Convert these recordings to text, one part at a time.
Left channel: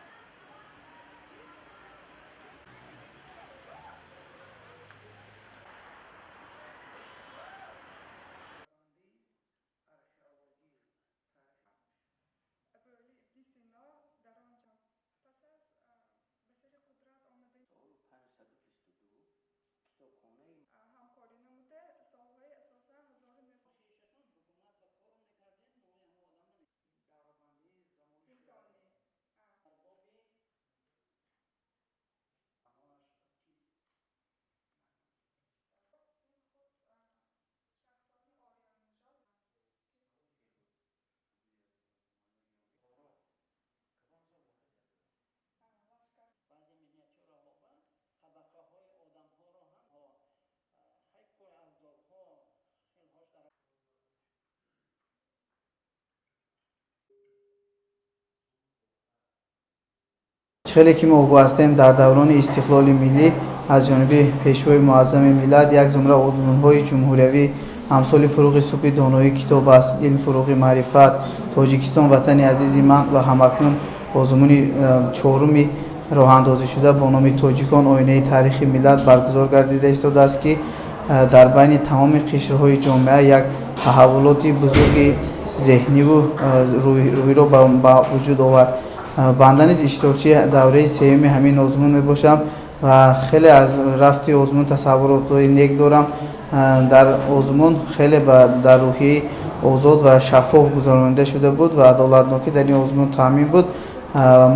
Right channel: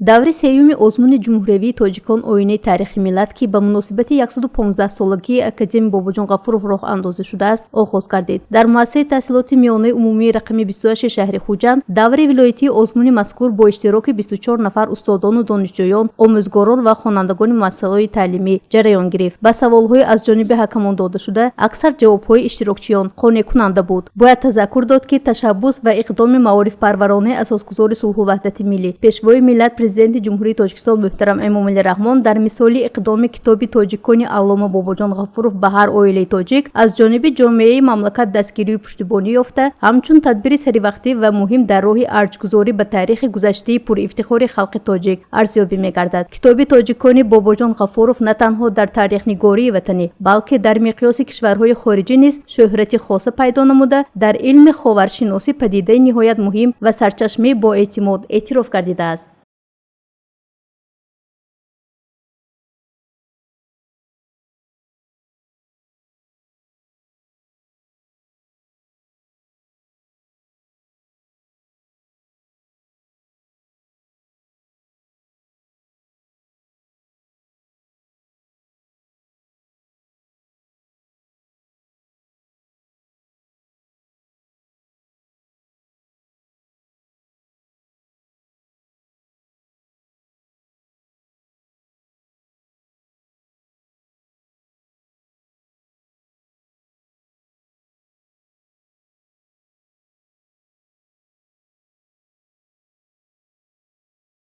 даври сеюми озмуни ҷумҳуриявии тоҷикон оинаи таърихи миллат ки ба муносибати 115-солагии академияи бобоҷон ғафуров роҳ андозӣ шудааст оғоз гардид. дар муассисаи таҳсилоти миёнаи умумии рақами 28 шаҳри хуҷанд даври вилоятии озмуни мазкур бо иштироки 24 нафар устодону донишҷӯён омӯзгорон ва хонандагони муассисаҳои таълимӣ ҷараён гирифт. ба саволҳои аз ҷониби ҳакамон дода шуда аксар ҷавобҳои иштирокчиён қонеъкунанда буд. бояд тазаккур дод ки ташаббус ва иқдоми маорифпарваронаи асосгузори сулҳу ваҳдати миллӣ пешвои миллат президенти ҷумҳурии тоҷикистон муҳтарам эмомалӣ раҳмон дар мисоли иқдоми китоби тоҷикони аллома бобоҷон ғафуров ба ҳар оилаи тоҷик аз ҷониби ҷомеаи мамлакат дастгирию пуштибонӣ ёфта ҳамчун тадбири саривақтӣ ва муҳим дар роҳи арҷгузорӣ ба таърихи гузаштаи пуривтихори халқи тоҷик арзёбӣ мегардад. китоби тоҷикони бобоҷон ғафуров на танҳо дар таърихнигории ватанӣ балки дар миқёси кишварҳои хориҷӣ низ шӯҳрати хоса пайдо намуда дар илми ховаршиносӣ падидаи ниҳоят муҳим ва сарчашмаи боэътимод эътироф гардидааст. خیلی که ما آگاه هستیم در دوران استقلال ملی از جانب پیشوای معظم ملت یک زمره عنوان‌های جمهوریوی امثال فروغ صبح دانایی کتاب است، علم فروغ معرفت، تاجیکستان وطن عزیز من و همکنون آزمون چهارمی راه اندازی شده با نام تاجیکان آینه تاریخ ملت برگزار گردیده است که در بین تمام قشرهای جامعه یک تحولات بزرگ ذهنی و روحی را به وجود آورد. بنده نیز اشتراکچی دوره سوم همین آزمون می باشم و خیلی از رفت آزمون تصورات نیک دارم. در آزمون خیلی در روحیه آزاد و شفاف گذرانده شده بود و عدالتناکی در این آزمون تامین بود.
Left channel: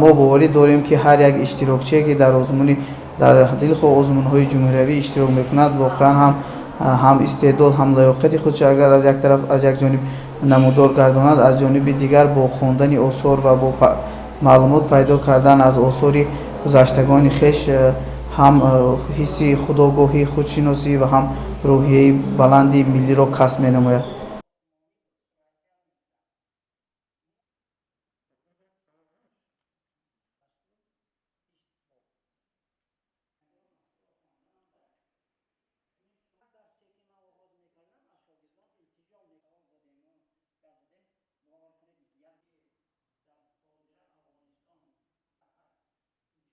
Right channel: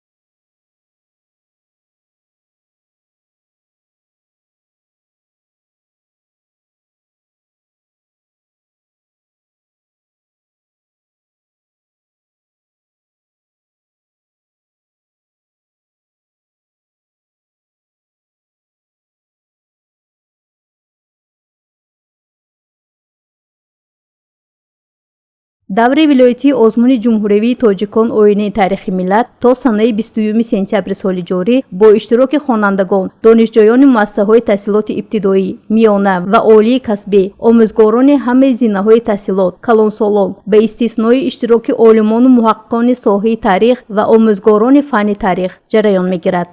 ما باوری داریم که هر یک اشتراکچی که در آزمونی در دلخواه آزمون‌های جمهوریوی اشتراک میکند واقعا هم استعداد هم لیاقت خودش اگر از یک طرف از یک جانب نمودار گرداند از جانب دیگر با خواندن آثار و با معلومات پیدا کردن از آثار گذشتگان خویش هم حس خودآگاهی خودشناسی و هم روحیه بلندی ملی را کسب می‌نماید. даври вилоятии озмуни ҷумҳуриявии тоҷикон оинаи таърихи миллат то санаи 21 сентябри соли ҷорӣ бо иштироки хонандагон донишҷӯёни муассисаҳои таҳсилоти ибтидоӣ миёна ва олии касбӣ омӯзгорони ҳамаи зинаҳои таҳсилот калонсолон ба истиснои иштироки олимону муҳаққиқони соҳаи таърих ва омӯзгорони фанни таърих ҷараён мегирад.